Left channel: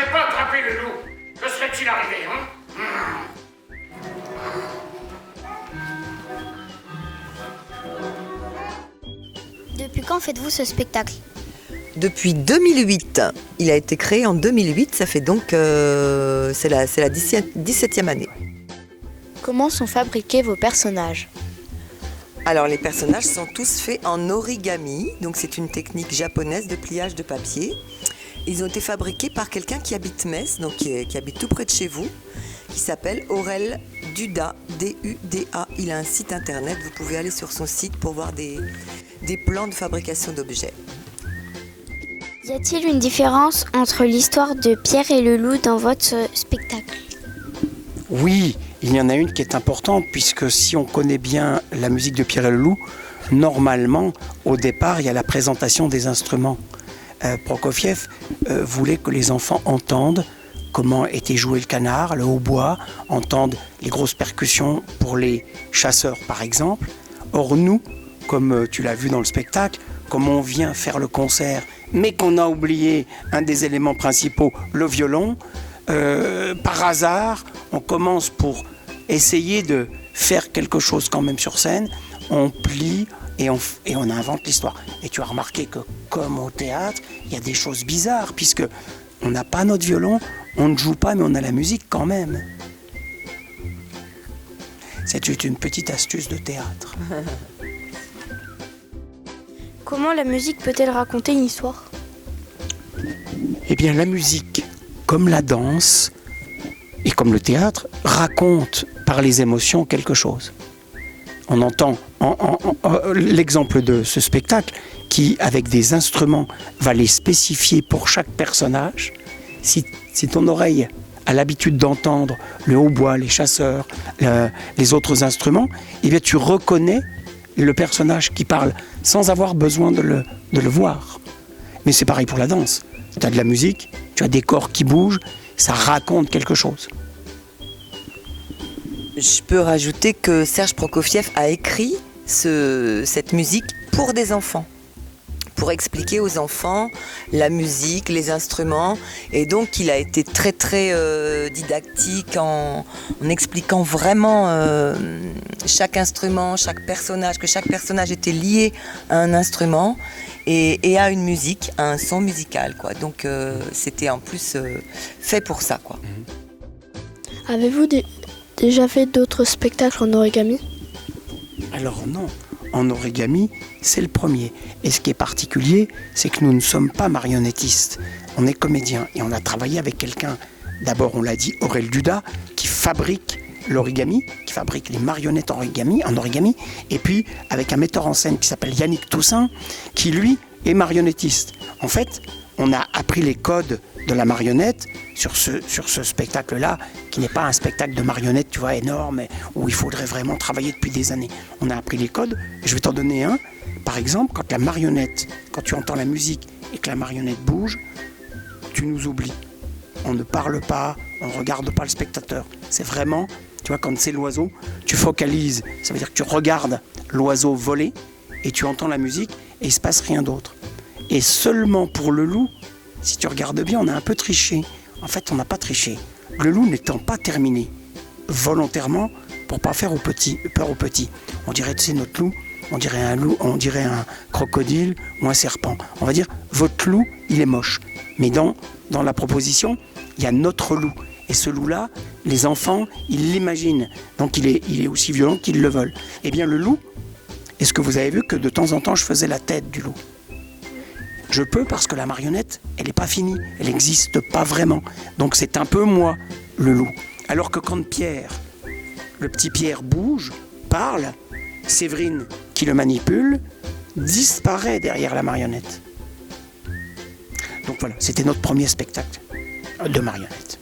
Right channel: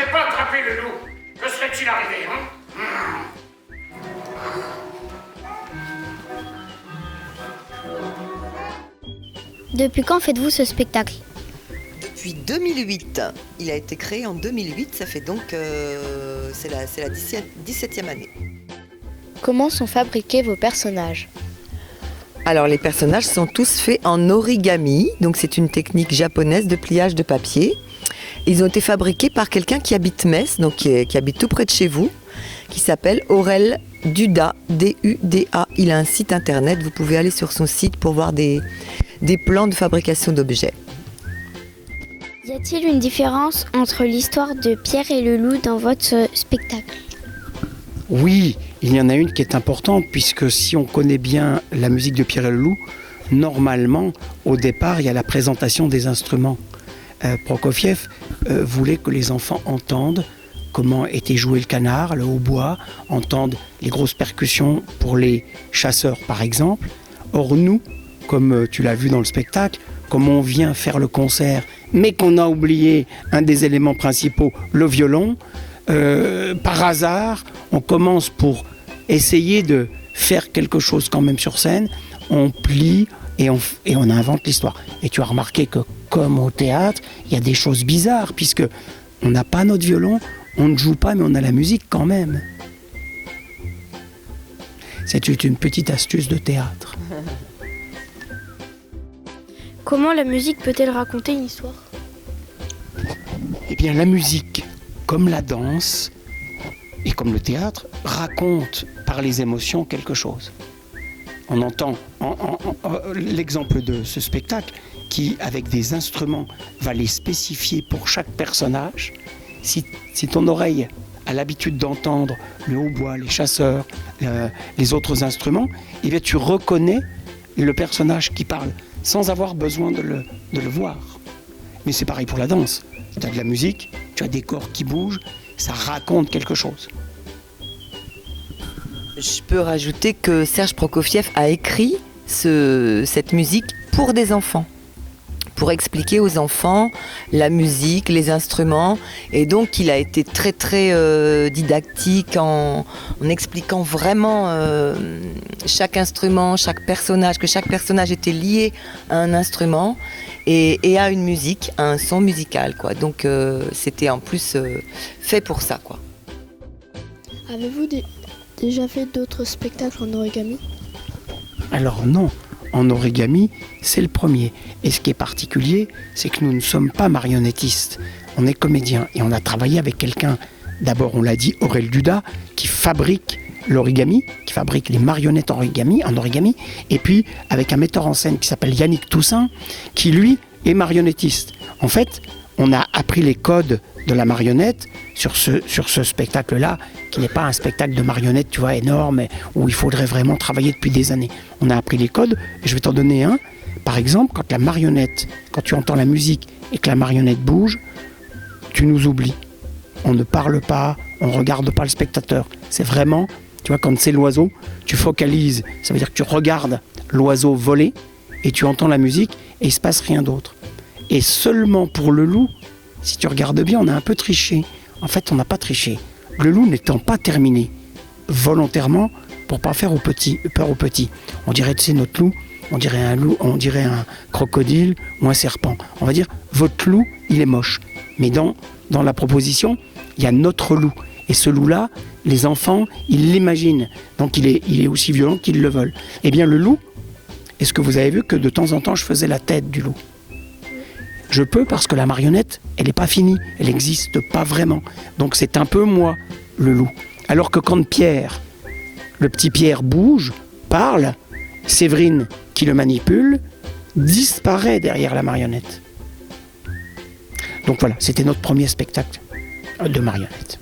n'avais pas attrapé le loup, que serait-il arrivé, hein? Depuis quand faites-vous ce spectacle? Depuis 2008. Il a été créé en 2008, ça fait donc... c'est la 17e année. Comment sont fabriqués vos personnages? Alors les personnages sont tous faits en origami, donc c'est une technique japonaise de pliage de papier. Ils ont été fabriqués par quelqu'un qui habite Metz, donc qui habite tout près de chez vous, qui s'appelle Aurel Duda, D-U-D-A. Il a un site internet, vous pouvez aller sur son site pour voir des plans de fabrication d'objets. Y a-t-il une différence entre l'histoire de Pierre et le loup dans votre spectacle? Oui, il y en a une qui est importante, puisque si on connaît bien la musique de Pierre et le loup, normalement, au départ, il y a la présentation des instruments. Prokofiev voulait que les enfants entendent comment était joué le canard, le hautbois, entendent les grosses percussions pour les chasseurs, par exemple. Or, nous, comme tu l'as vu dans le spectacle, comme on vient faire le concert, mais qu'on a oublié un des éléments principaux, le violon, par hasard, on commence pour essayer de faire quelque chose quand même sur scène, on plie et on invente l'histoire. Et tu as remarqué que, comme au théâtre, il y a des choses bizarres, puisque on n'a pas notre violon, on ne joue pas, mais on a la musique quand même. C'est une petite astuce de théâtre. Comment la musique peut-elle raconter une histoire? Eh bien, la musique, comme la danse et comme le théâtre, raconte par les émotions quelque chose. On entend l'exemple de ce spectacle qui, avec des instruments, va les spécifier pour chaque personnage. Si ton oreille a l'habitude d'entendre le hautbois, les chasseurs, les autres instruments, eh bien, tu reconnais le personnage qui parle sans avoir besoin de le voir. Mais c'est pareil pour la danse. Tu as de la musique, tu as des corps qui bougent, ça raconte quelque chose. Je peux rajouter que Serge Prokofiev a écrit cette musique pour des enfants, pour expliquer aux enfants la musique, les instruments. Et donc, il a été très, très didactique en expliquant vraiment chaque instrument, chaque personnage, que chaque personnage était lié à un instrument et à une musique, à un son musical, quoi. Donc, c'était en plus fait pour ça, quoi. Avez-vous déjà fait d'autres spectacles en origami? Alors non, en origami, c'est le premier. Et ce qui est particulier, c'est que nous ne sommes pas marionnettistes. On est comédiens et on a travaillé avec quelqu'un, d'abord on l'a dit, Aurel Duda, qui fabrique l'origami, qui fabrique les marionnettes en origami, et puis avec un metteur en scène qui s'appelle Yannick Toussaint, qui lui est marionnettiste. En fait, on a appris les codes de la marionnette sur ce spectacle-là, qui n'est pas un spectacle de marionnettes, tu vois, énorme, où il faudrait vraiment travailler depuis des années. On a appris les codes, et je vais t'en donner un. Par exemple, quand tu entends la musique et que la marionnette bouge, tu nous oublies. On ne parle pas, on ne regarde pas le spectateur. C'est vraiment, tu vois, quand c'est l'oiseau, tu focalises. Ça veut dire que tu regardes l'oiseau voler et tu entends la musique et il ne se passe rien d'autre. Et seulement pour le loup, si tu regardes bien, on a un peu triché. En fait, on n'a pas triché. Le loup n'étant pas terminé volontairement pour ne pas faire peur aux petits. On dirait, tu sais, notre loup, on dirait un loup, on dirait un crocodile ou un serpent. On va dire, votre loup, il est moche. Mais dans la proposition, il y a notre loup. Et ce loup-là, les enfants, ils l'imaginent. Donc il est aussi violent qu'ils le veulent. Eh bien, le loup, est-ce que vous avez vu que de temps en temps, je faisais la tête du loup? Je peux parce que la marionnette, elle n'est pas finie, elle n'existe pas vraiment. Donc c'est un peu moi, le loup. Alors que quand Pierre, le petit Pierre bouge, parle, Séverine, qui le manipule, disparaît derrière la marionnette. Donc voilà, c'était notre premier spectacle de marionnette.